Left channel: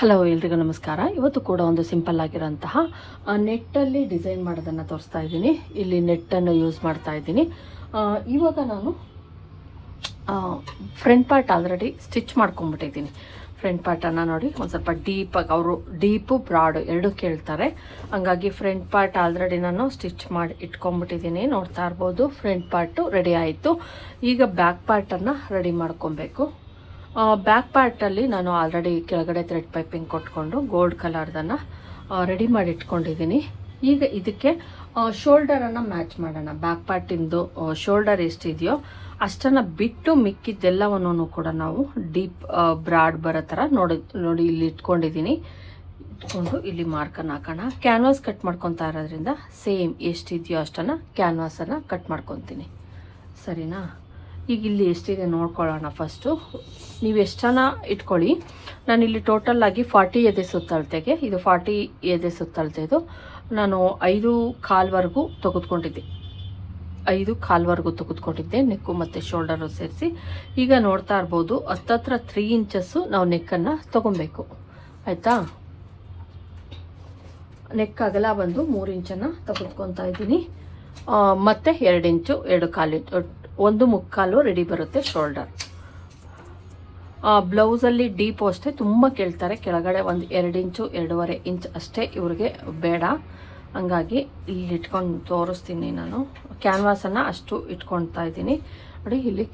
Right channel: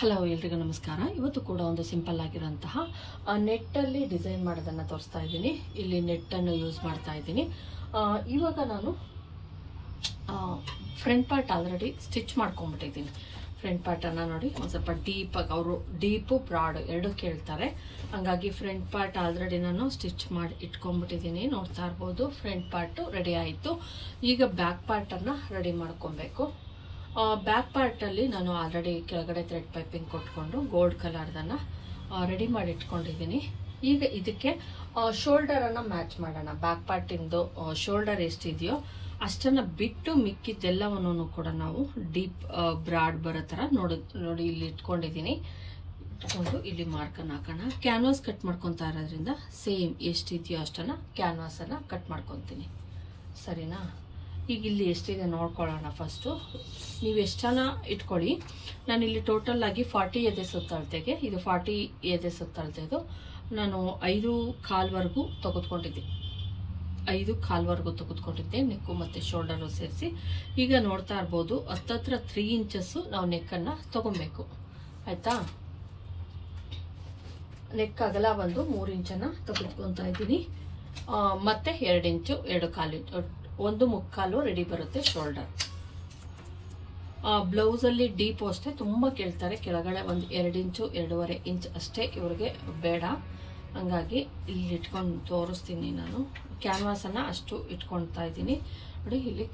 Hello ಎಲ್ರಿಗೂ ನಮಸ್ಕಾರ. ಇವತ್ತು ಕೂಡ ಒಂದು ಸಿಂಪಲ್ ಆಗಿರೋಂತಹ ನೆಟ್ಟಲ್ಲಿ ಡಿಸೈನ್ ಮಾಡೋದನ್ನು ತೋರಿಸ್ತಾ ಇದ್ದೀನಿ. ಇಲ್ಲಿ ನೆಟ್ಟನ್ನು ಯೂಸ್ ಮಾಡ್ತಾ ಇದ್ದೀನಿ. ಇವಾಗ ನಾನು ಫ್ರಂಟ್ ಪಾರ್ಟ್ ಆಲ್ರೆಡಿ ಸ್ಟಿಚ್ ಮಾಡ್ಕೊಂಡ್ಬಿಟ್ಟಿದ್ದೀನಿ. ಫ್ರಂಟ್ ಪಾರ್ಟನ್ನು ನೋಡಿ ಒಂದು ಸ್ವಲ್ಪ ಡೀಪಾಗಿ, ಅವರು ಡೀಪು ಬ್ರಾಡು ಎರಡೂ ಕೇಳ್ತಾರೆ. ಹಂಗಾಗಿ ಫ್ರಂಟ್ ಪಾರ್ಟ್ ಆಲ್ರೆಡಿ ನಾನು ಸ್ಟಿಚ್ ಮಾಡಿ ಇಟ್ಕೊಂಡ್ಬಿಟ್ಟಿದ್ದೀನಿ. ನೋಡ್ತಾ ಇರ್ಬೋದು, ಫ್ರಂಟ್ ಪಾರ್ಟು ರೆಡಿ ಆಯಿತು. ಈಗ ಬ್ಯಾಕ್ ಪಾರ್ಟನ್ನು ರೆಡಿ ಮಾಡ್ಕೊಬೇಕು. ಬ್ಯಾಕ್ ಪಾರ್ಟಲ್ಲಿ ನಾನು ಆಲ್ರೆಡಿ ಕೆಳಗಡೆ ಥ್ರೆಡ್ ಪೈಪಿಂಗ್ ಕೊಟ್ಕೊಂಡು ಗೋಲ್ಡ್ ಕಲರ್ದನ್ನು ರೆಡಿ ಮಾಡಿ ಇಟ್ಕೊಂಡಿದ್ದೀನಿ. ಈಗ ಇದಕ್ಕೆ ಶೋಲ್ಡರನ್ನು ಮ್ಯಾಚ್ ಮಾಡೋಣ. ಬ್ಯಾಕ್ ಪಾರ್ಟಿಂದು ಶೋಲ್ಡರ್ ಎಷ್ಟಿದೆಯೋ ಅಷ್ಟನ್ನು ಬಿಟ್ಟು ಮಿಕ್ಕಿದ್ದೆಲ್ಲವನ್ನು ಕೂಡ ನಾವು ಡೀಪ್ ಬ್ರಾಡ್ ಬರೋ ಥರ ನೋಡಿ ಇಲ್ಲಿ ಇಟ್ಕೊಂಡಿದ್ದೀನಿ. ಇಟ್ಕೊಂಡು ಇಲ್ಲಿ ಮಾರ್ಕನ್ನು ಹಾಕೋಣ. ಕ್ಯಾನ್ವಾಸ್ ಕಟ್ ಮಾಡ್ಕೊತಾ ಇರೋದ್ರಿಂದ ಸೇಮ್ ಎಷ್ಟಿದೆಯೋ ಅಷ್ಟನ್ನು ಕ್ಯಾನ್ವಾಸನ್ನು ಕಟ್ ಮಾಡ್ಕೊತೀನಿ. ಸರಿನಾ? ಈಗ ಇಲ್ಲಿ ಎಷ್ಟಿದೆ ನೋಡ್ಕೊಳ್ಳೋಣ. ಫಸ್ಟು ನೀವು ಎಷ್ಟನ್ನ ಇಟ್ಕೊಳ್ಳಿ. ನಾನಿಲ್ಲಿ ಟೋಟಲ್ ಆಗಿ 40 ಎದೆ ಸುತ್ತಳತೆಗೆ, ಇದು 40 ಎದೆ ಸುತ್ತಳತೆದು ನಾನು 5 ಕಾಲ್ವರೆಗೂ ತೆಗೆದುಕೊಂಡಿದ್ದೆ. 5 ಕಾಲ್ವರೆಗೂ ತೆಗೆದುಕೊಂಡಿದ್ದೆ, ನೆಕ್ಕು ಮತ್ತು ಶೋಲ್ಡರು ಸೇರಿಸಿ. ಈಗ ನೋಡ್ತಾ ಇರ್ಬೋದು, ಹತ್ತತ್ರ 3 ಇಂಚಸ್ಸು ನಾವು ನೆಕ್ಕನ್ನು ತಗೊಬೇಕು. ಆಯಿತಾ? ನೆಕ್ ಅಗಲ ಬಂದು 3 ಇಂಚನ್ನು ತೆಗೆದುಕೊತಾ ಇದ್ದೀನಿ. ಮತ್ತು 2 ಇಂಚು 2 ಕಾಲು 1.25 ರೆಡಿ ಬರುತ್ತೆ ಶೋಲ್ಡರ್. ಬ್ಲೌಸಲ್ಲಿ ಡೀಪ್ ಅಷ್ಟೇ ತುಂಬ ಕೇಳ್ತಾರೆ. ಕೆಳಗಡೆ ಒಂದು 2 ಇಂಚು 2.5 ಇಂಚ್ ಅಷ್ಟೇ ಇವ್ರಿಗೆ ಬೇಡ. ಹಂಗಾಗಿ ಇಲ್ಲಿ ಇಟ್ಕೊಂಡು ತೋರಿಸ್ತೀನಿ. ನಾನು ಕ್ಯಾನ್ವಾಸನ್ನು ಅಷ್ಟು ಇಟ್ಕೊಳ್ತಾ ಇದ್ದೀನಿ. ನೋಡಿ, ಇಲ್ಲಿ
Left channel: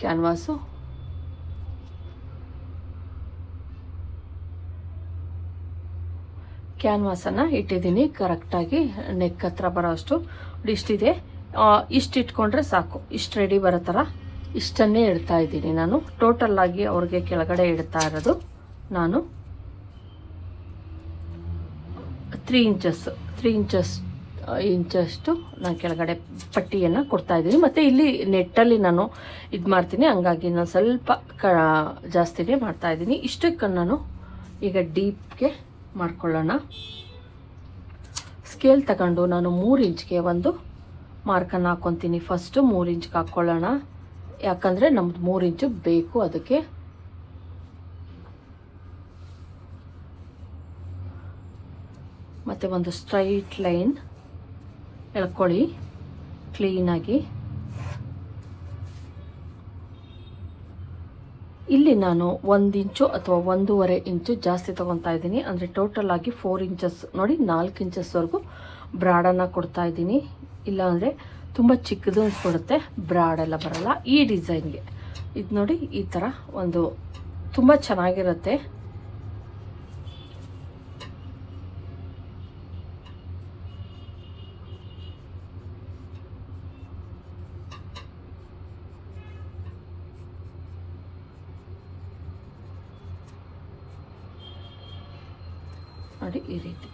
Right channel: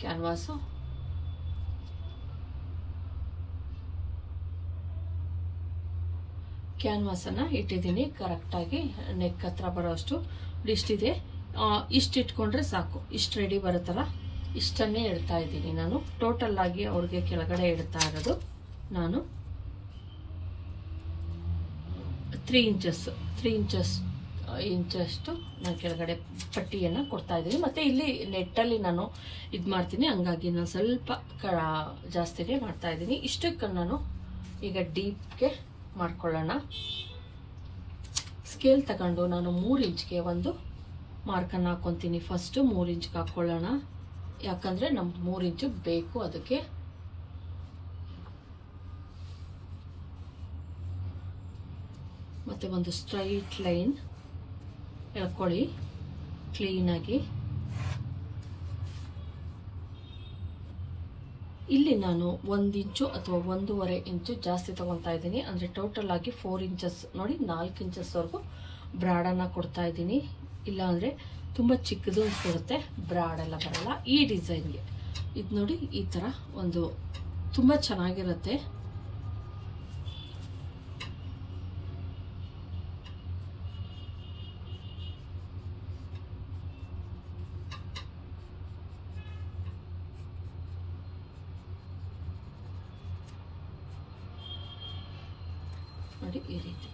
ಕ್ಯಾನ್ವಾಸನ್ನು ಇಟ್ಟಿದ್ದೀನಿ ಕರೆಕ್ಟಾಗಿ ನೆಕ್ ಹತ್ರ ಬರೋ ಅಷ್ಟು. ಇಷ್ಟಿದೆ, ಇಷ್ಟು ಇಟ್ಕೊಂಡ್ರೆ ಸಾಕು. ಇಷ್ಟು ರೆಡಿ ಬರೋ ಥರ ಇಷ್ಟನ್ನೇ ಇಡ್ತಾ ಇದ್ದೀನಿ ನಾನು. ಟೋಟಲ್ ಆಗಿ ಅವ್ರಿಗೆ ಕೆಳಗಡೆ ಇಡ್ತಾ ಇರೋದು ನಾನು 3 ಇಂಚಷ್ಟು ನಾನು ಕೆಳಗಡೆ ಪಟ್ಟಿಯನ್ನು ಕೊಡ್ತಾ ಇದ್ದೀನಿ. ಮತ್ತು ಇಲ್ಲಿ ನೆಟ್ಟಲ್ಲಿ ನಾನು ಇದು ಮಾಡ್ತೀನಿ, ಹಂಗಾಗಿ ನಾನು ಸ್ವಲ್ಪ ಜಾಸ್ತಿನೇ ಮಾಡ್ತಾ ಇದ್ದೀನಿ. ಇಷ್ಟಕ್ಕೆ ನಾನು ಈಗ ಡೀಪ್ಗೆ ಮಾಡ್ಕೊಳ್ಳೋಣ. ಸ್ಕೇಲ್ ತಗೊಂಡು ನಾನು 3 ಇಂಚ್ಗೆ ಒಂದು ಮಾರ್ಕನ್ನು ಹಾಕ್ಕೊತೀನಿ. ಫಸ್ಟು 3 ಇಂಚ್ಗೆ ಹಾಕ್ಕೊಳ್ಳೋಣ, ಯಾಕಂದರೆ ನಮ್ದು 3 ಇಂಚು ಬೇಕು ಅದಕ್ಕೆ. ಮತ್ತು ಒಂದು ಸ್ಟ್ರೈಟ್ ಲೈನ್ ಎಳ್ಕೊಳ್ಳಿ ಕ್ಲೀನಾಗಿ. ಇಲ್ಲಿ ನಾನು 1 ಇಂಚು ಅಥವಾ 1.5 ಇಂಚು ಜಾಸ್ತಿ ತಗೊತಾ ಇದ್ದೀನಿ. ಅಂದರೆ ಟೋಟಲ್ ಆಗಿ 4 ಇಂಚಸ್ ನೋಡಿ, 4 ಇಂಚಸ್ವರೆಗೂ ಬ್ರಾಡನ್ನು ಕೊಡ್ತಾ ಇದ್ದೀನಿ. ಇಲ್ಲ ಅಂದರೆ ತುಂಬ ಚಿಕ್ಕದು ಕೊಡುತ್ತೆ, ಬ್ರಾಡೆಲ್ಲ ಬರಲ್ಲ ಈ ಡಿಸೈನ್ಗೆ. ಇದು ನೋಡಿ, ಈ ಥರ ಒಂದು ತುಂಬ ಚೆನ್ನಾಗಿರುತ್ತೆ. ನೋಡಿ, ಈ ರೀತಿ.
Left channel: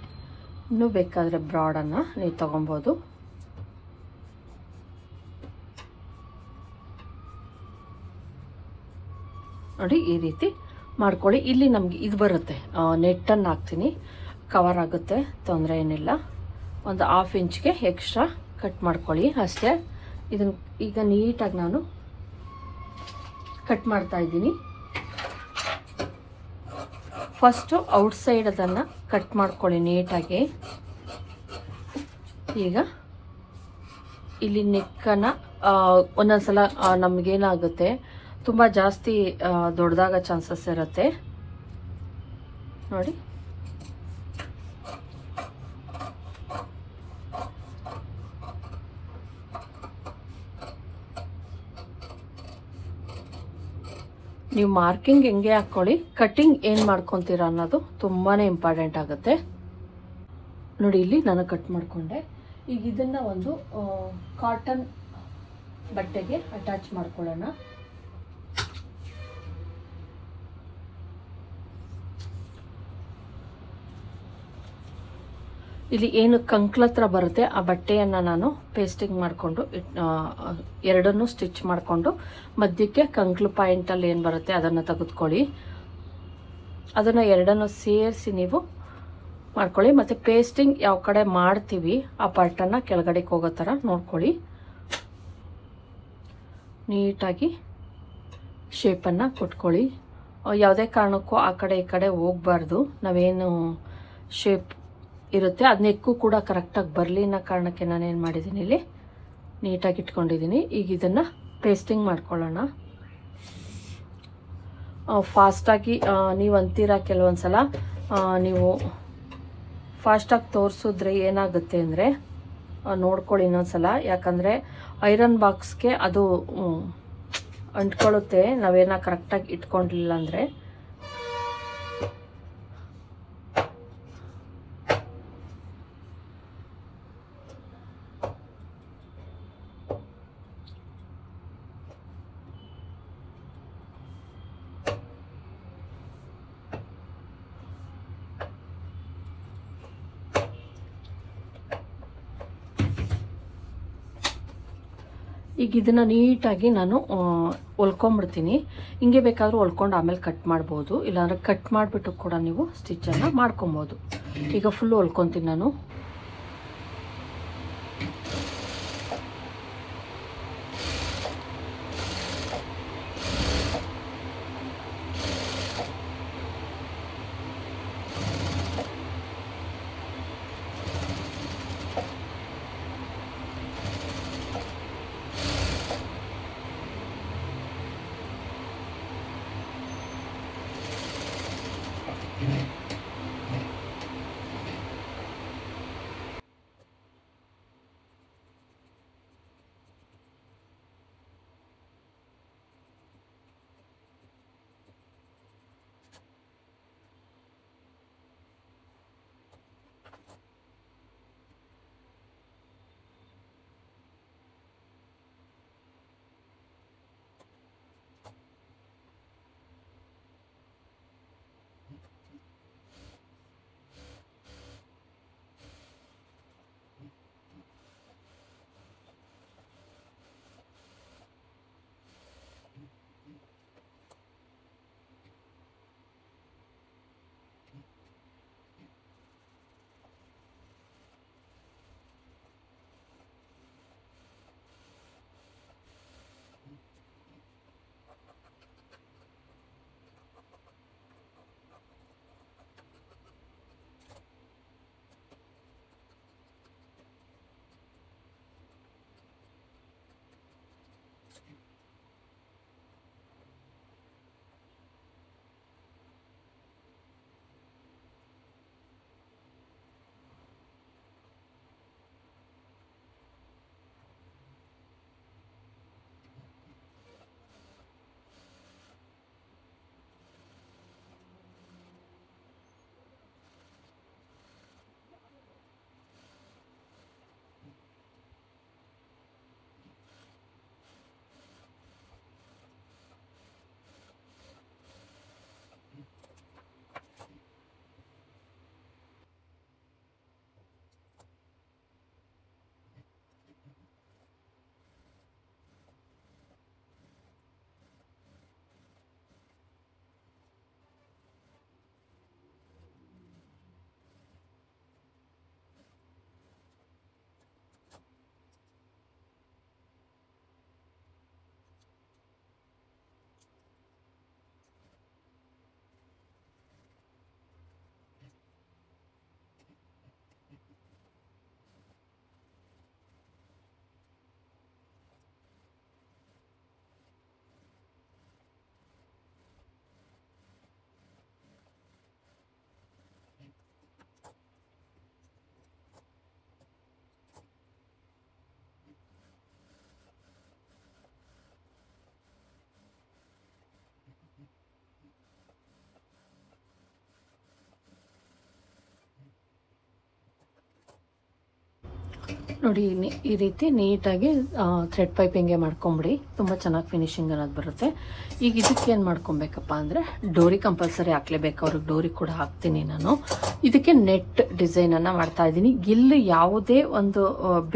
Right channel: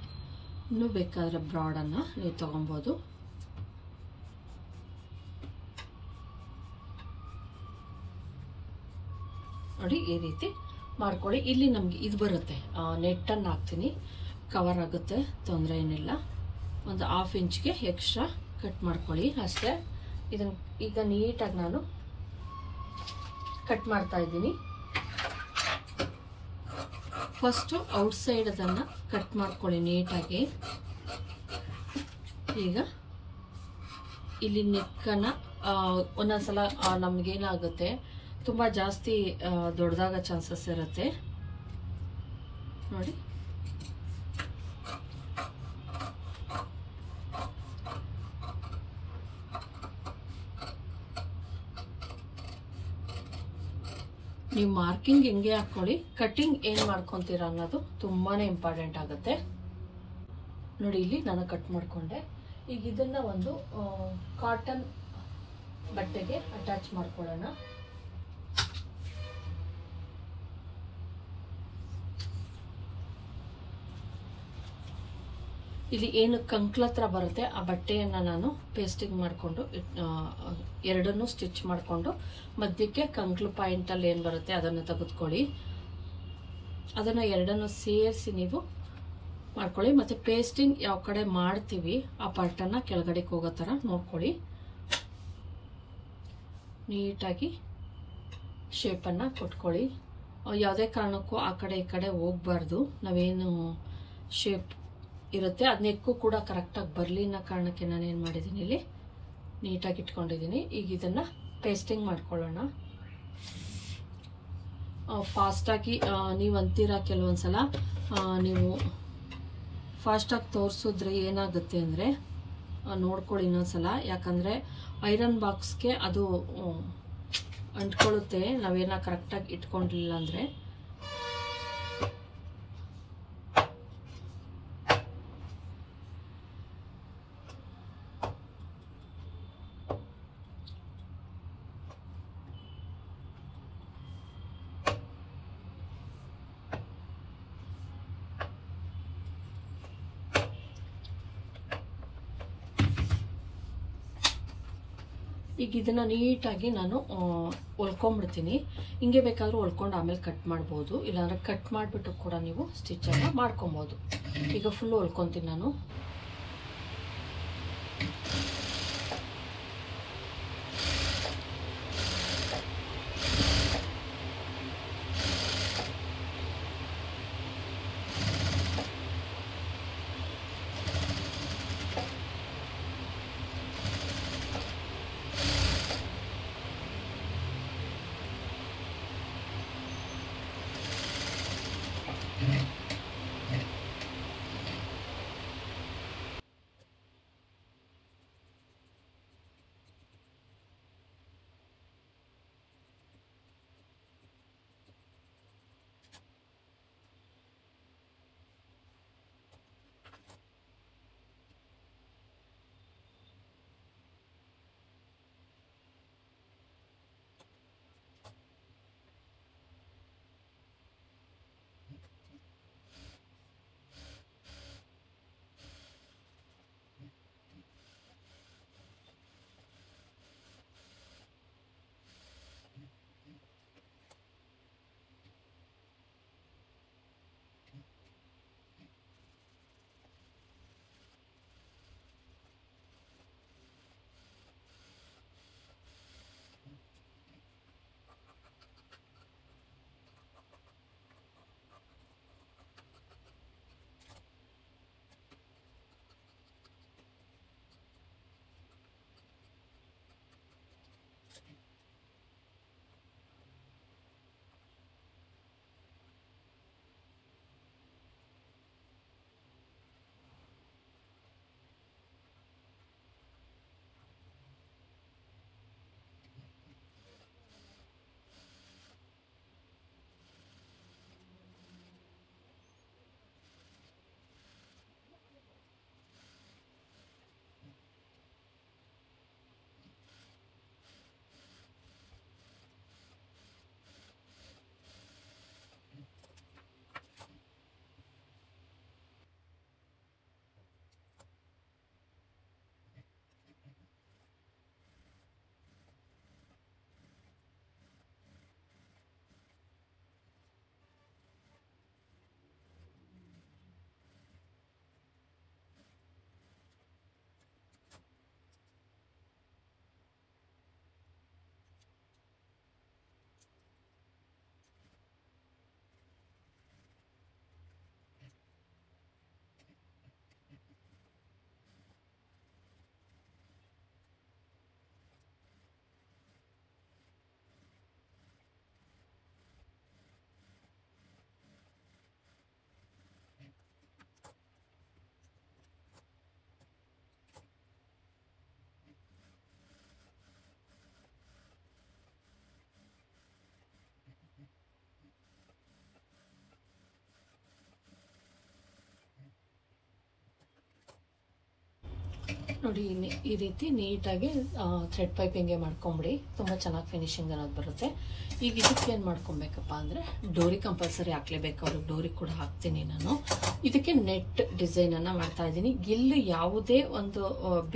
ಇನ್ನೂ ಬೇಕಾದರೆ ಬ್ರಾಡನ್ನು ನೀವು ತಗೊಬೋದು. ನೋಡಿ, ಈ ರೀತಿ ಮಾಡ್ಕೊಳ್ಳಿ. ಇಲ್ಲಿ ನಮಗೆ ಇದು ಬರುತ್ತೆ, ನೆಟ್ಟನ್ನು ಹಾಕ್ತೀನಿ, ಕವರ್ ಆಗುತ್ತೆ, ತೊಂದರೆ ಏನಿಲ್ಲ. ಒಂದು 1/2 ಇಂಚ್ಗೆ ಎಕ್ಸ್ಟ್ರಾ ಕಟ್ ಮಾಡ್ಕೊಳ್ಳಿ ಅಷ್ಟೇ. ಇದನ್ನು ಈಗ ನೀಟಾಗಿ ನಾನು ಕಟ್ ಮಾಡ್ತಾ ಇದ್ದೀನಿ. ಫಸ್ಟು ಔಟ್ಸೈಡ್ ಅದನ್ನು ಕಟ್ ಮಾಡ್ಕೊಳ್ಳಿ ನೀಟಾಗಿ. ಈಗ ಇಲ್ಲಿ ನೆಕ್ಕನ್ನು ಒಂದೊಂದ್ಸಲ ನಮಗೇನಾಗುತ್ತೆ, ತುಂಬ ಜಾಸ್ತಿ ದೊಡ್ಡದಾಗ ಚಾನ್ಸಸ್ ಇರುತ್ತೆ. ನೋಡಿ, ನೀವು ಮಾರ್ಕಿಂಗ್ ಹೆಂಗೆ ಹಾಕ್ಕೊಳ್ಳಿ, ಕಟಿಂಗ್ ಏನು ಮಾಡ್ಕೊತೀರಾ ಅನ್ನೋದು ತುಂಬಾ ಇಂಪಾರ್ಟೆಂಟ್ ಆಗುತ್ತೆ. ನೋಡಿ, ಇಲ್ಲಿ ನಾನು ಕಟ್ ಮಾಡಿಕೊಂಡೆ. ಈಗ ಇದನ್ನು ಒಂದು ಕಾಟನ್ ಬಟ್ಟೆಗೆ ಅಟ್ಯಾಚ್ ಮಾಡ್ಕೊಳ್ಳೋಣ. ಇಲ್ಲಿ ಏನು ಕಂಕ್ಲತ್ರ ಬರುತ್ತೆ ಆ ಬಟ್ಟೆಯನ್ನು ನಾನು ಪೇಸ್ಟಿಂಗ್ ಮಾಡಿಕೊಂಡು ಎರಡನ್ನೂ ಸ್ಟಿಚ್ ಮಾಡಿಕೊಂಡು ಮಧ್ಯಕ್ಕೆ ಕಂಕ್ಲು ಪಾಯಿಂಟಲ್ಲಿ ಏನು ಬರುತ್ತೆ ಅದನ್ನು ತೆಗೆದುಕೊಳ್ಳಿ. ಅದನ್ನು ಎರಡನ್ನು ಸೇರಿಸಿ ನೀವು ಮಾಡ್ಕೊಳ್ಳಿ. ಮತ್ತು ಪೇಸ್ಟಿಂಗ್ ಯಾವ ಕಡೆ ಮಾಡ್ತೀವಿ ಆ ಪಾರ್ಟನ್ನು ಕೆಳಗಡೆಗೆ ಹೋಗೋ ಥರ ನೋಡ್ಕೊಳ್ಳಿ. ನೀಟಾಗಿ ಶೇಪನ್ನು ಕೊಟ್ಕೊಳ್ಳಿ. ಯಾವುದೇ ಕಾರಣಕ್ಕೂ ಆ ಕಡೆ ಈ ಕಡೆ ಹೋಗಬಾರ್ದು. ನಾವೇನು ಶೇಪ್ ಇರುತ್ತೆ ಅದು ನೆಕ್ಕು ಕೂಡ ಕರೆಕ್ಟಾಗಿ ಬರಲಿ ಅನ್ನೋ ಕಾರಣಕ್ಕೆ ನಾನೇನು ಮಾಡಿದ್ದೀನಿ, ಇಲ್ಲಿ ನೀಟಾಗಿ ಇಟ್ಕೊಂಡಿದ್ದೀನಿ. ಈಗ ಇದನ್ನು ಪೇಸ್ಟಿಂಗ್ ಮಾಡ್ಕೊಳ್ಳೋಣ. ಫಾಸ್ಟಾಗಿ ನೀವು ಅಂತೀರಾ ಕೆಲವೊಂದ್ಸಲ ನೀವು ಫಾಸ್ಟಾಗಿ ತೋರಿಸಿದ್ರೆ ಏನಾಗುತ್ತೆ ಅಂದರೆ ನೋಡ್ಕೊಳ್ಳಿ ಇನ್ನೊಂದ್ಸಲ, ಯಾಕಂದರೆ ಐರನ್ ಬಾಕ್ಸ್ಗೆ ಅದು ಅಂಟ್ಕೊಳ್ಳುತ್ತೆ ನಾವೇನ ಕರೆಕ್ಟಾಗಿ ಇಟ್ಕೊಂಡಿಲ್ಲ ಅಂದರೆ. ಈಗ ಇದನ್ನು ನೀಟಾಗಿ ನಾನು ಹೊಲ್ಕೊಂಡ್ಬಿಡ್ತೀನಿ. ಹಿಂಗೆ ಬೇಕಾದರೂ ಹೊಲ್ಕೊಂಡು ಆಮೇಲೆ ಕಟ್ ಮಾಡ್ಬೋದು, ಇಲ್ಲಾಂದರೆ ಕಟ್ ಮಾಡಿಬಿಟ್ಟು ಕೂಡ ನೀವು ಸ್ಟಿಚ್ಚನ್ನು ಮಾಡ್ಕೊಬೋದು. ಈಗ ಫುಲ್ಲು ಹೊಲ್ಕೊತೀನಿ ನಾನು. ನೋಡಿ ಈ ರೀತಿ ನೀಟಾಗಿ ಥ್ರೆಡ್ ಪೈಪಿಂಗ್ಗೆ ಮಾಡ್ಕೊಂಬಿಡಿ, ತುಂಬ ಚೆನ್ನಾಗಿ ಫಿನಿಶಿಂಗ್ ಅನ್ನೋದು ಬರುತ್ತೆ. ಈಗ ಇದಕ್ಕೆ ಏನು ಮಾಡ್ಕೊಬೇಕಪ್ಪ ಅಂದರೆ ಡೋರಿ ಕಂಪಲ್ಸರಿ ಹಾಕ್ಲೇಬೇಕು, ಅವ್ರಿಗೆ ಡೋರಿ ಕೂಡ ಹಾಕ್ತೀನಿ ನಾನು. ಇದಕ್ಕೆ ನೆಟ್ ಡಿಸೈನನ್ನು ಮಾಡ್ತಾ ಇದ್ದೀನಿ. ಇಲ್ಲಿ ಯಾವುದೇ ಒಂದು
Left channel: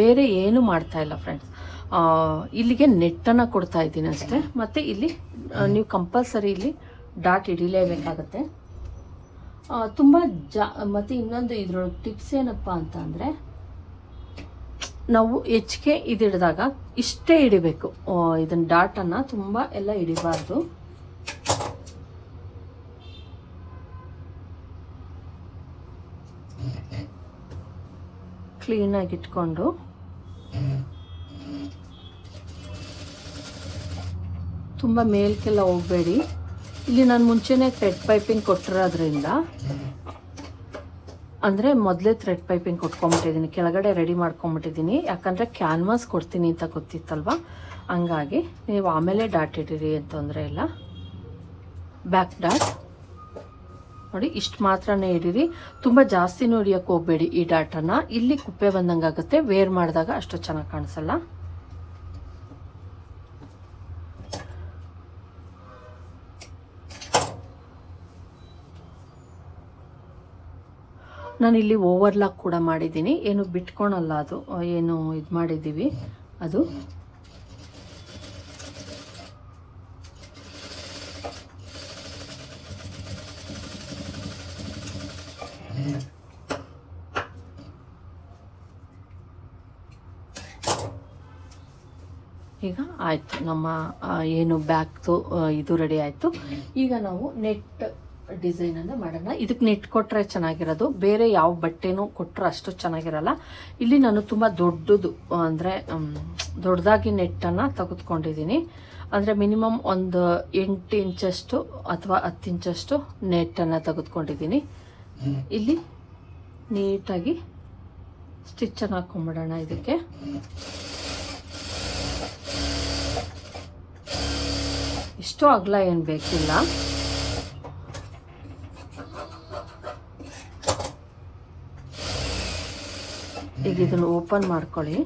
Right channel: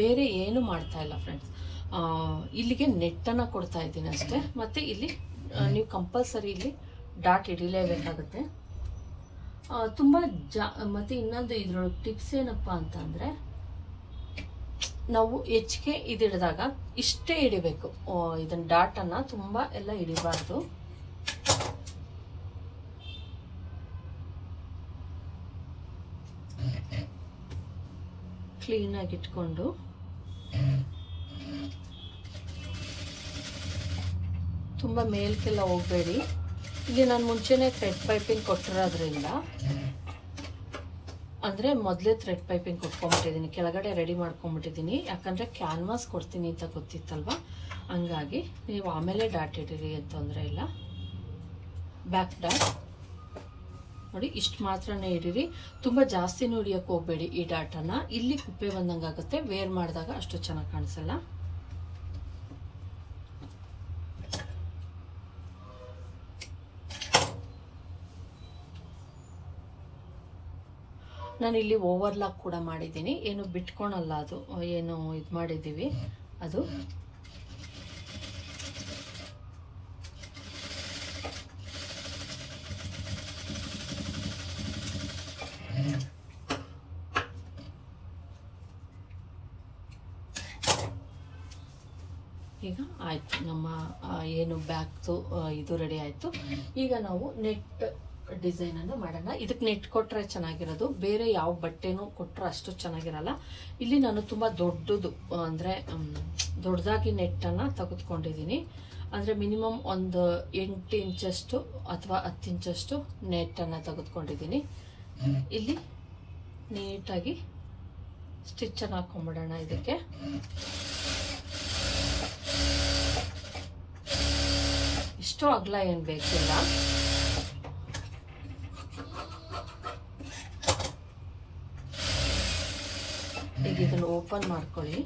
ಬೇರೆ ಏನು ಮಾಡ್ತಾ ಇಲ್ಲ ಫ್ರೆಂಡ್ಸ್, ಇಲ್ಲಿಗೆ ನೆಟ್ಟನ್ನು ಕೊಡ್ತಾ ಇದ್ದೀನಿ ಅಷ್ಟೇ. ಮತ್ತು ಇಲ್ಲಿ ನೀವು ಕಂಪಲ್ಸರಿ ಇಲ್ಲಿ ಡಾಟ್ ಹಿಡಿಲೇಬೇಕಾಗತ್ತೆ ತುಂಬ ಮತ್ತು ಇನ್ನೊಂದು ಇದ್ರೊಳಗೆ ಟಿಪ್ಸ್ ಏನಪ್ಪ ಅಂತ ಅಂದರೆ, ನಾವು ಹೆಚ್ಚಿಗೆ ಇದು ಹಿಡಿದಾಗ ಇಷ್ಟೇ ಹಿಡಿಬೇಕು, ಇದನ್ನ ಡಾಟನ್ನು ತುಂಬ ಎಲ್ಲ ಹಿಡಿಬಾರ್ದು. ಕ್ಲೀನಾಗಿ ಇಟ್ಕೊಂಡು ತುಂಬ ಮೇಲ್ಕೆಲ್ಲ ಹೋಗಬೇಡಿ. ಇಲ್ಲಿ ನಾನು ಮುಂಚೆನೇ ಥ್ರೆಡ್ ಪೈಪಿಂಗ್ ಕೊಟ್ಟಿರೋದ್ರಿಂದ, ಅಂದರೆ ಮೊದಲೇ ಥ್ರೆಡ್ ಪೈಪಿಂಗ್ ಕೊಟ್ಕೊಂಡ್ಬಿಟ್ಟಿದ್ದೀನಿ, ಕೆಳಗಡೆ ರೆಡಿ ಮಾಡ್ಕೊಂಡ್ಬಿಟ್ಟಿದ್ದೀನಿ. ಯಾಕಂದರೆ ಕ್ಯಾನ್ವಾಸ್ ಕೊಡ್ತೀನಿ ಅಂತ ಗೊತ್ತಿತ್ತಲ್ವ, ಹಂಗಾಗಿ ನೀವು ಆಮೇಲೆ ಡಾಟ್ ಇಟ್ಟಿರಿ ಅಂತ ತೊಂದರೆ ಇಲ್ಲ. ಬ್ಯಾಕ್ ಡಾಟ್ ನೋಡಿ, ಇಷ್ಟು ಮಾತ್ರನೇ ಇಡಿರಿ, ತುಂಬ ಜಾಸ್ತಿನೂ ಹಿಡಿಯೋಕ್ಕೆ ಹೋಗಬೇಡಿ ಈ ಡಾಟನ್ನು. ಇಲ್ಲಿ ಕುಪ್ಪೆ ಬಂದಂಗೆ ಆಗುತ್ತೆ, ವೇರ್ ಮಾಡಿದಾಗ ಅಷ್ಟು ಚೆನ್ನಾಗಿ ಕಾಣಿಸಲ್ಲ. ನಾನು ಇಲ್ಲಿ ಓವರ್ಲಾಕ್ ಕೂಡ ಮಾಡಿದ್ದೀನಿ, ಏನು ಬಿಟ್ಕೊಳಲ್ಲ, ಅದು ಏನು ಇದು ಮಾಡಿದ್ದೀವಿ ಅದು. ಈಗ ಆಯಿತು, ನಮ್ಮ ಏನು ಬ್ಯಾಗ್ದು ಇದು ರೆಡಿ ಆಯಿತು. ಈಗ ನಾವು ನೆಟ್ ಡಿಸೈನನ್ನು ಮಾಡೋಣ. ಇದಕ್ಕೆ ನೆಟ್ ಕೊಟ್ಟರೆ ಚೆನ್ನಾಗಿರೋದು, ಬೇರೆ ಯಾವ ಬಟ್ಟೆನೂ ಕೊಟ್ಟರೆ ಅಷ್ಟು ಚೆನ್ನಾಗಿರಲ್ಲ. ಇಲ್ಲಿ ನಾನು ತುಂಬ ದೊಡ್ಡದು, ಅಂದರೆ ದೊಡ್ಡದಾಗಿ ನೆಟ್ಟನ್ನು ತೆಗೆದುಕೊಂಡಿದ್ದೀನಿ. ಅಂದರೆ ಮಿನಿಮಮ್ ಒಂದು 8 ಇಂಚಷ್ಟು ಅಥವಾ 10 ಇಂಚಷ್ಟು ನೆಟ್ಟನ್ನು ತೆಗೆದುಕೊಂಡಿದ್ದೀನಿ. ಇಲ್ಲಿ ನೀಟಾಗಿ ಸ್ಟಿಚ್ಚನ್ನು ಹಾಕೊಂಡ್ಬಿಡೋಣ. ಇದಕ್ಕೆ ಇಷ್ಟು ಅಗಲ ಏನು ಬೇಕಿಲ್ಲ. ಈಗ ಇದನ್ನು ಓಪನ್ ಮಾಡ್ಕೊಳ್ಳಿ.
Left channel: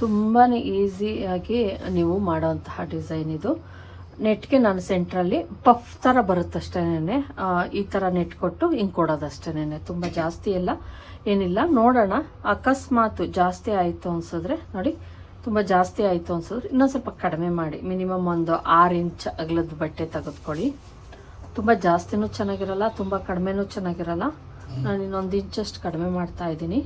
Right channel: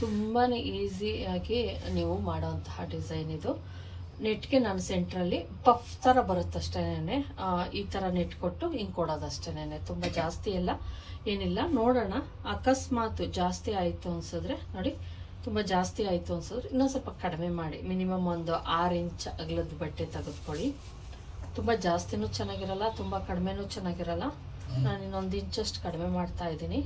ತುಂಬಾ ಈಸಿಯಾಗಿ ನೀವು ಮಾಡೋಂತಹ ಡಿಸೈನ್ ಇದು. ನೆಟ್ಗೆ ನಾನು ಸೆಂಟ್ರಲ್ಲಿ ಪಫ್ ಥರ ಬರುತ್ತಷ್ಟೇನೆ, ಈ ಥರ ನೆಟ್ ಕೊಟ್ಟು ಹಿಂಗೆ ಕೊಡೋದಷ್ಟೇನೆ. ತುಂಬ ಜಾಸ್ತಿ ಎಲ್ಲ ಏನಿಲ್ಲ. ನೋಡೋಣ, ಅಕಸ್ಮಾತ್ ಜಾಸ್ತಿ ಆಯಿತು ಅನ್ಸಿದ್ರೆ ನೋಡಿ, ತುಂಬ ಜಾಸ್ತಿ ಆಯಿತು ಅನ್ಸಿದ್ರೆ ಇನ್ನೊಂದು ಸ್ವಲ್ಪ ಕಡಿಮೆ ಮಾಡಿ. ಮಿನಿಮಮ್ ಒಂದು 6 ಇಂಚ್ ಅಗಲದ ಬಟ್ಟೆ ತೆಗೆದುಕೊಳ್ಳಿ. ತುಂಬ ಜಾಸ್ತಿನೂ ಚೆನ್ನಾಗಿರಲ್ಲ, ತುಂಬ ಕಡಿಮೆನೂ ಚೆನ್ನಾಗಿರಲ್ಲ. ನಾನು ಇನ್ನೊಂದು ಇಂಚಷ್ಟು ಕಡಿಮೆ ಮಾಡ್ತಾ ಇದ್ದೀನಿ.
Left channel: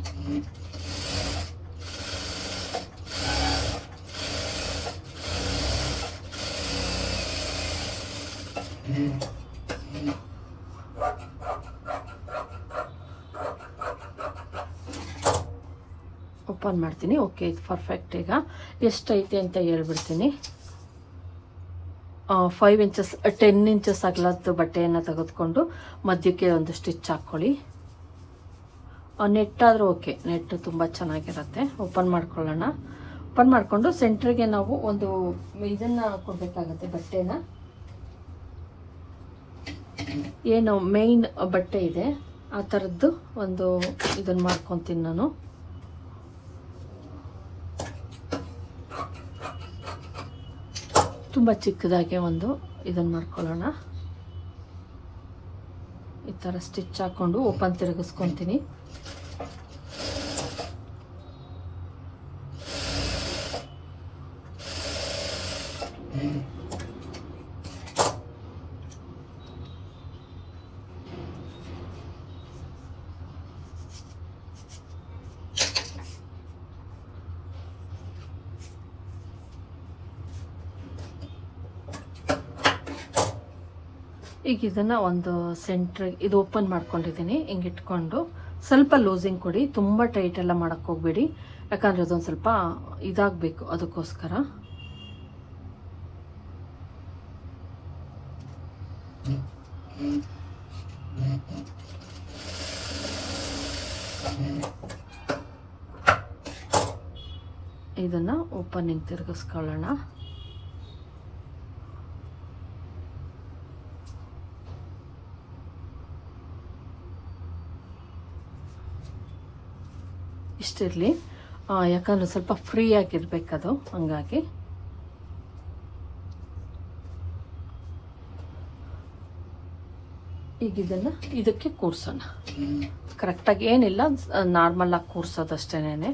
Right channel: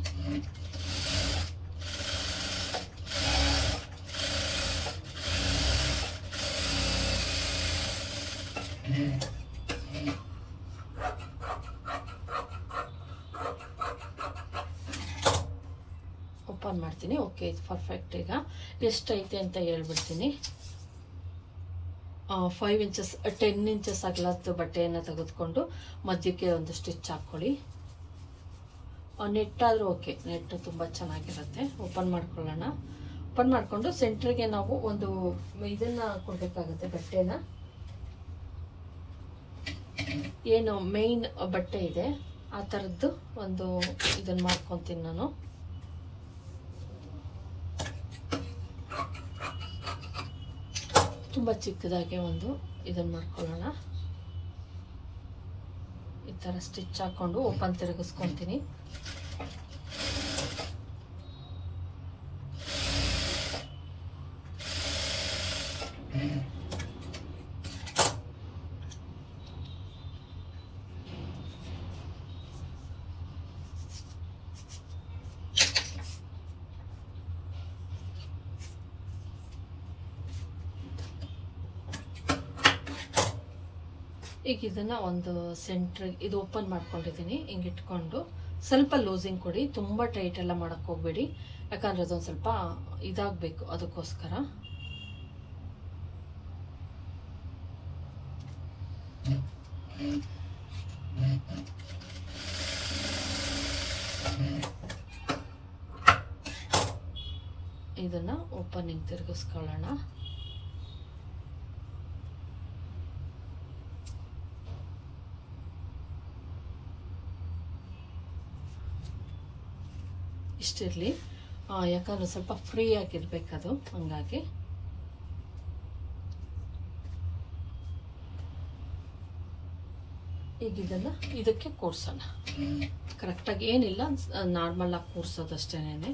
ಓಪನ್ ಮಾಡ್ತೀನಿ. ಓಕೆ, ಇದು ಪರ್ಫೆಕ್ಟ್. ಈಗ ಎಷ್ಟೈತೆ ಅಂತ ಹೇಳ್ಬಿಡ್ತೀನಿ. 5 ಇಂಚಸ್ 10 ಇಂಚಸ್ ಅಗಲದ್ದು ಬಟ್ಟೆಯನ್ನು ತೆಗೆದುಕೊಂಡು ಮಧ್ಯಕ್ಕೆ ಒಂದು ಸ್ಟಿಚ್ ಹಾಕ್ಕೊಳ್ಳಿ. ನೆಟ್ ಆದರೂ ಓಕೆ, ನೆಟ್ ತುಂಬ ಚೆನ್ನಾಗಿರುತ್ತೆ. ಓಪನ್ ಮಾಡ್ಕೊಳ್ಳೋಣ. ಓಪನ್ ಮಾಡಿಕೊಂಡು ಸೆಂಟ್ರಿಗೆ ನಾವು ಒಂದು ಇದನ್ನು ಕೊಡಬೇಕಾಗತ್ತೆ, ಬಟ್ಟೆನ. ಏನು ಮೇನ್ ಬಟ್ಟೆ ಇದೆ ಆ ಥರದ್ದು ಒಂದು ಇದನ್ನು ಮಾಡ್ಕೊತೀನಿ ನಾನು. ತುಂಬ ಚಿಕ್ಕದಾಗಿ ಒಂದು ಇದನ್ನು ಮಾಡ್ಕೊಳ್ಳೋಣ. ಈ ಥರ ಸ್ಟಿಚ್ ಹಾಕ್ಕೊಂಡು ಓಪನ್ ತಿರುಗಿಸ್ಕೊತೀನಿ. ಈಗ ಇದನ್ನ ಒಂದು ಸೆಂಟ್ರ್ ಇದು ಓಪನ್ ಮಾಡ್ಕೊಂಡಿದ್ದೀನಿ. ಹಿಂಗೆ ಇಟ್ಕೊಂಡು ಸ್ವಲ್ಪ ಲೂಸಿಂಗ್ ಕೊಡಿ, ತುಂಬ ಟೈಟ್ ಎಲ್ಲ ಮಾಡಕ್ಕೆ ಹೋಗ್ಬೇಡಿ, ಯಾಕಂದ್ರೆ ಅದೊಂದು ಸ್ವಲ್ಪ ಇದಾಗಬೇಕು, ಅದಕ್ಕೋಸ್ಕರ. ಇದನ್ನ ಓಪನಿಂಗ್ ತಿರುಗಿಸ್ಕೊಳ್ಳೋಣ. ಇಷ್ಟಿರಲಿ, ಯಾಕಂದ್ರೆ ಸ್ವಲ್ಪ ಫ್ರೀ ಆಗಿರ್ಬೇಕದು, ಹಂಗಾಗಿ. ಈಗ ಇದನ್ನ ಇದಕ್ಕೆ ಕೂರ್ಸೋಣ. ಕರೆಕ್ಟಾಗಿ ಏನಿಲ್ಲ, ನಾರ್ಮಲ್ ಆಗಿ ಕೂರ್ಸೋದಷ್ಟೇನೆ,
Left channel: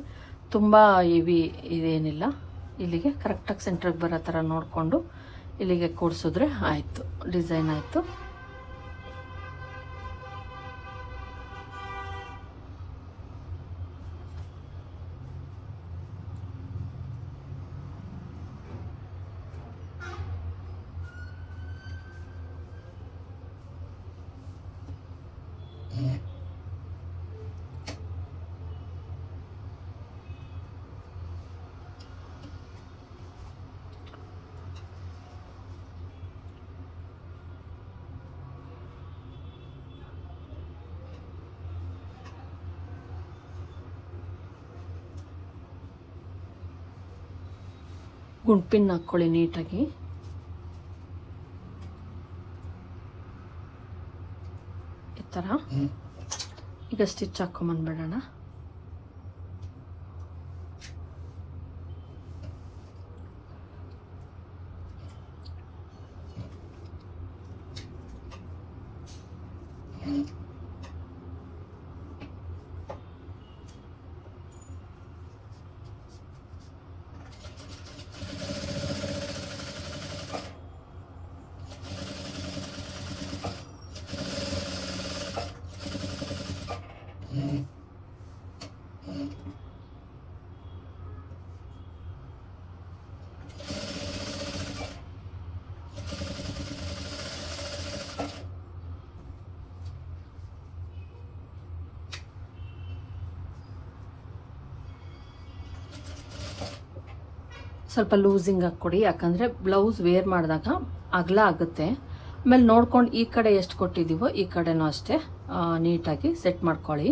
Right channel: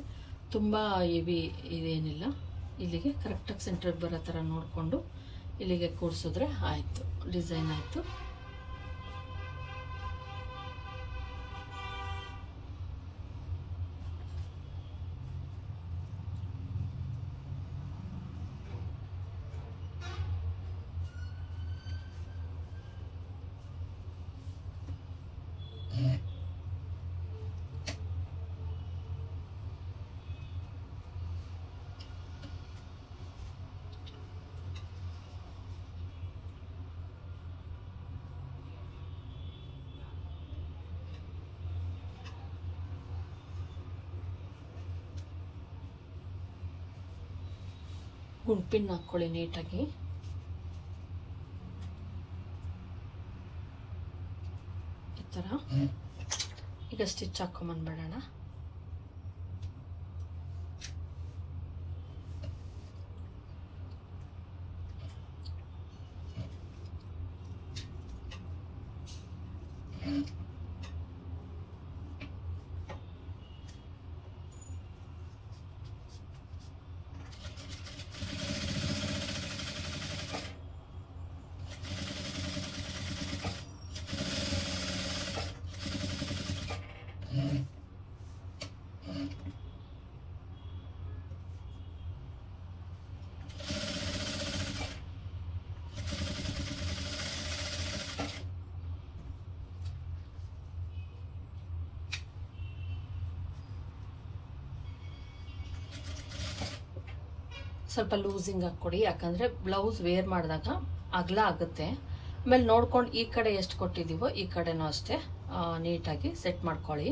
ತುಂಬ ಹೆವಿ ಇದೇನಿಲ್ಲ. ಇಲ್ಲಿಗೆ ಕರೆಕ್ಟಾಗಿ ಸೆಂಟ್ರಿಗೆ ಬರೋ ಥರ ನೋಡಿಕೊಂಡು ಇಲ್ಲಿಗೆ ಕೂರ್ಸಿದ್ರೆ ಆಯಿತು, ಡಿಸೈನ್ ಆಯಿತು. ಗುಂಡ್ಪಿನ್ ಹಾಕ್ಕೊಳ್ಳಿ ನೀಟಾಗಿ. ಈ ಥರ ಈಗ ಸ್ಟಿಚ್ ಹಾಕೊಂಬಂದ್ಬಿಡೋಣ. ಸ್ವಲ್ಪ ಲೂಸಿಂಗ್ ಹಾಕ್ಕೊಡಿ, ಯಾಕಂದರೆ ಬ್ಲೌಸ್ ವೇರ್ ಮಾಡಿದಾಗ ಅಗಲ ಆಗುತ್ತೆ. ಆಮೇಲೆ ನೋಡ್ಕೊಂಡು ಈ ಕಡೆ ಎಷ್ಟು ಕೊಟ್ಟಿದ್ದೀವೋ ಈ ಕಡೆನೂ ಅಷ್ಟೇ ನೀಟಾಗಿ ಸೆಟ್ ಮಾಡ್ಕೊಳ್ಳಿ.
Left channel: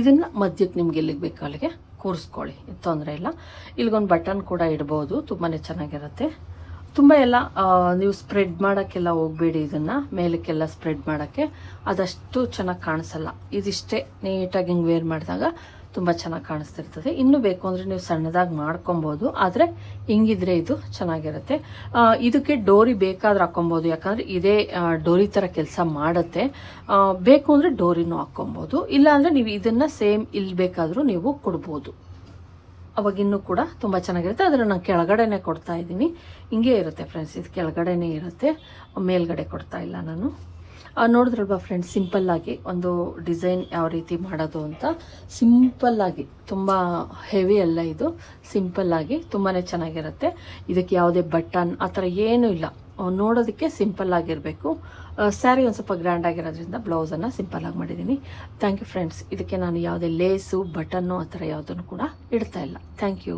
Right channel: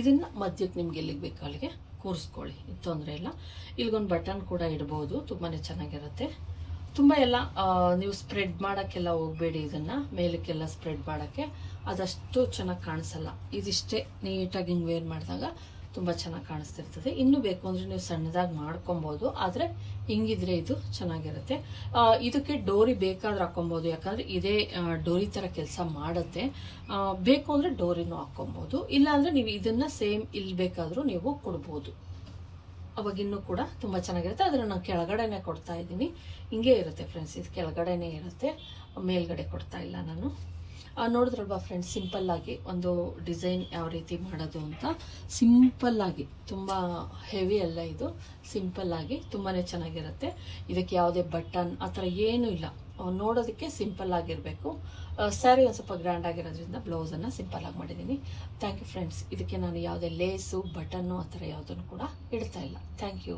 ಇದನ್ನ ಮಧ್ಯಕ್ಕೆ ನಿಮ್ಗೆ ಎಲ್ಲಿಗೆ ಬೇಕು ಅಲ್ಲಿಗೆ ಕೂರಿಸ್ಕೊಳ್ಳಿ, ತೊಂದರೆ ಇಲ್ಲ. ಇಲ್ಲಿಗೊಂದು ಬಟನ್ ಕೂಡ ಇಡ್ಬೋದು, ತುಂಬಾ ಚೆನ್ನಾಗಿರುತ್ತೆ. ತುಂಬ ಎಲ್ಲ ನೀವು ಸ್ಪ್ರೆಡ್ ಮಾಡೋಕ್ಕೆಲ್ಲ ಹೋಗ್ಬೇಡಿ, ಇದನ್ನು ಮೇಲಕ್ಕೆಲ್ಲ ಸ್ಪ್ರೆಡ್ ಮಾಡೋಕ್ಕೆ ಅದಷ್ಟು ಚೆನ್ನಾಗಿ ಕಾಣಿಸಲ್ಲ. ಇದಿಷ್ಟೇ ನೀಟಾಗಿ ಹಿಂಗೆ ವೇರ್ ಮಾಡಿದಾಗ ತುಂಬ ಚೆನ್ನಾಗಿ ಕಾಣಿಸ್ತಿರ್ತದೆ. ಇನ್ನೂ ಬೇಕು ಅಂದರೆ ನೀವು ಸಣ್ಣದಾಗಿ ಮಾಡ್ಕೊಬೋದು, ಆದರೆ ಹಿಂಗಿದ್ರೆ ಇದು ಚೆನ್ನಾಗಿರುತ್ತೆ. ಇದಕ್ಕೆ ಡೋರಿ ಬೇಕಾದ್ರೆ ಹಾಕೊಬೋದು, ಯಾಕಂದರೆ ಇದೇ ಡೋರಿ ಥರ ಕೆಲಸ ಮಾಡುತ್ತೆ. ಬೇಕು ಅಂದರೆ ಡೋರಿನೂ ಹಾಕೊಬೋದು, ಇಲ್ಲಾಂದರೆ ನೀವು ಇದನ್ನು ಸೇಮ್ ಇಲ್ಲಿ ಬೇಕಾದರೂ ನೀವು ಕೊಡ್ಬೋದು. ಅವಾಗಿನ್ನೂ ಕೂಡ ತುಂಬ ಚೆನ್ನಾಗಿರುತ್ತೆ. ಆದರೆ ನಾನು ಕೆಳಗಡೆನೆ ಕೊಡ್ತಾ ಇದ್ದೀನಿ. ಹಿಂಗೆ ಇರುತ್ತೆ ಫ್ರೆಂಡ್ಸ್, ಇದು ಕೆಳಗಡೆನೇ ಇರುತ್ತೆ, ಮೇಲ್ಗಡೆ ಕೊಡ್ತಾ ಇಲ್ಲ ನಾನು. ನೋಡಿದ್ರಲ್ವಾ ಫ್ರೆಂಡ್ಸ್, ಸಿಂಪಲ್ಲಾಗಿ ಒಂದು ಡಿಸೈನ್ ಯಾವ ರೀತಿ ಮಾಡೋದು ಅಂತ. ಸಿಂಪಲ್ಲಾಗಿ, ತುಂಬ ಹೆವಿ ಅಲ್ಲ ಇದು, ಸಿಂಪಲ್ಲಾಗಿ ತುಂಬಾ ಚೆನ್ನಾಗಿರುತ್ತೆ. ಇದಕ್ಕೆ ಯಾವುದೇ ಬಟನ್ ಆ ಥರ ಏನೂ ಇಲ್ಲ, ನೋಡೋದಕ್ಕೆ ಸಿಂಪಲ್ ಆಗಿರಬೇಕು. ಸ್ಯಾರಿ ಒಂದು ಸ್ವಲ್ಪ ಗ್ರ್ಯಾಂಡ್ ಆಗಿರೋದ್ರಿಂದ ಬ್ಲೌಸನ್ನು ಸಿಂಪಲ್ಲಾಗಿ ಮಾಡಿದ್ದೀನಿ. Thank you friends. ಇದಕ್ಕೆ ನಾನು ಯಾವುದೇ ಲೇಸು ಬಟನ್ನು ಆ ಥರ ಯಾವುದನ್ನು ಕೂಡ ಇಡ್ತಾ ಇಲ್ಲ. Thank you.